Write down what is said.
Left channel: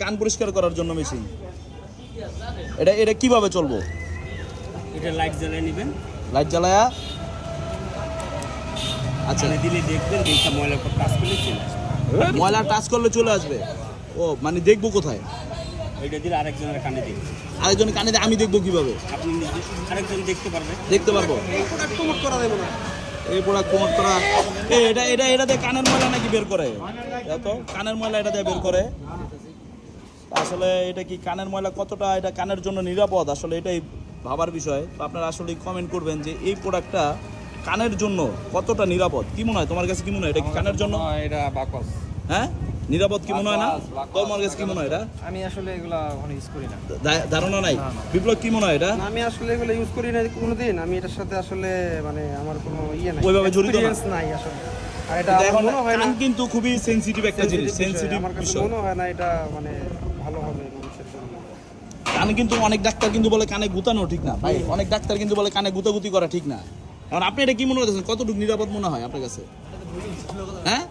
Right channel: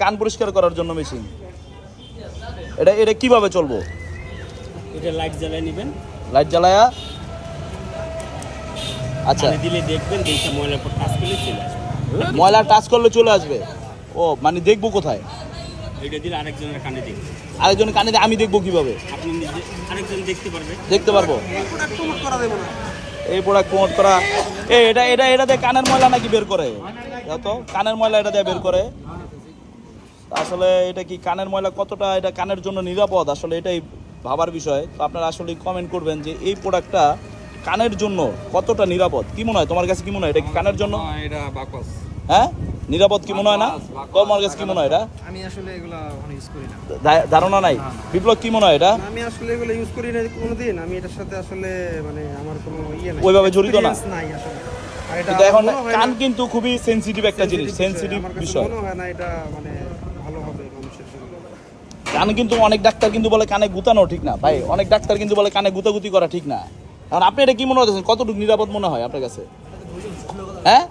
কান পরিষ্কার করার জন্য মেশিন। এটা এটা কিভাবে চলবে? এটা লাইট জ্বালিয়ে নেবেন, লাইট জ্বালায়া আচ্ছা কানে দিলে দেখবেন এইটা ময়লার উপর টাচ করলে চলে আসবে। ময়লা টাচ করলে চলে আসবে। ও মানে দেখবো কোথায়? এটা দিলে আরেকজনের কানে দেখবে, আরেকজন কানে দিয়ে আমি দেখবো কিভাবে? আপনি নিজে আরেকজন দেখতে পারবে। দেখতে পারবো এই প্রোডাক্ট প্রমোট করা। এটা এটা এটাতে কানের ময়লা নাকি বের করে? তো কানের ময়লা এটা দিয়ে বের করে। আসলে এটা কি কানের ময়লা কতটা এটা কানের জন্য নিরাপদ, আসলে এটাই ভাবার বিষয়। তো আপনারা আসলে কমেন্ট করবেন যে এই প্রোডাক্টটা কানের জন্য কতটা নিরাপদ। কি মনে হয় তোমার কাছে, কি মনে হয় এটা কি কানের জন্য? এটা বাকস। হ্যাঁ নিরাপদ কি মনে হয় না? তোমার কাছে কি মনে হয় এটা? আমি আসলে এগুলা ওখানে ইউজ করি না। ধারণা নাই। বিপ্লব কি মনে হয় এটা? আমি আসলে এগুলো ইউজ করি না কোনোদিন। আমি এটার সাথে আসলে মানে আমার কোনো ইয়ে নাই, ওইভাবে জড়িত না। এক্সপেরিয়েন্স নাই আসলে। আর এটা কিন্তু এখন আমার মনে হয় না, কান কিন্তু খুবই সেনসিটিভ একটা জিনিস, সেনসিটিভ আমার কাছে বিষয়। মনে হয় না এটা মানে ভালো হবে মানুষের জন্য। কানে কিন্তু অনেক ডাক্তার কিন্তু বলে কানে গুতানো ঠিক না ভাই, অনেক ডাক্তার কিন্তু বলে কানে গুতাগুতি করা ঠিক না। কারণ আপনি এটা কি মনে হচ্ছে, কতটুকু নিরাপদ মনে হয় আপনার কাছে? হ্যাঁ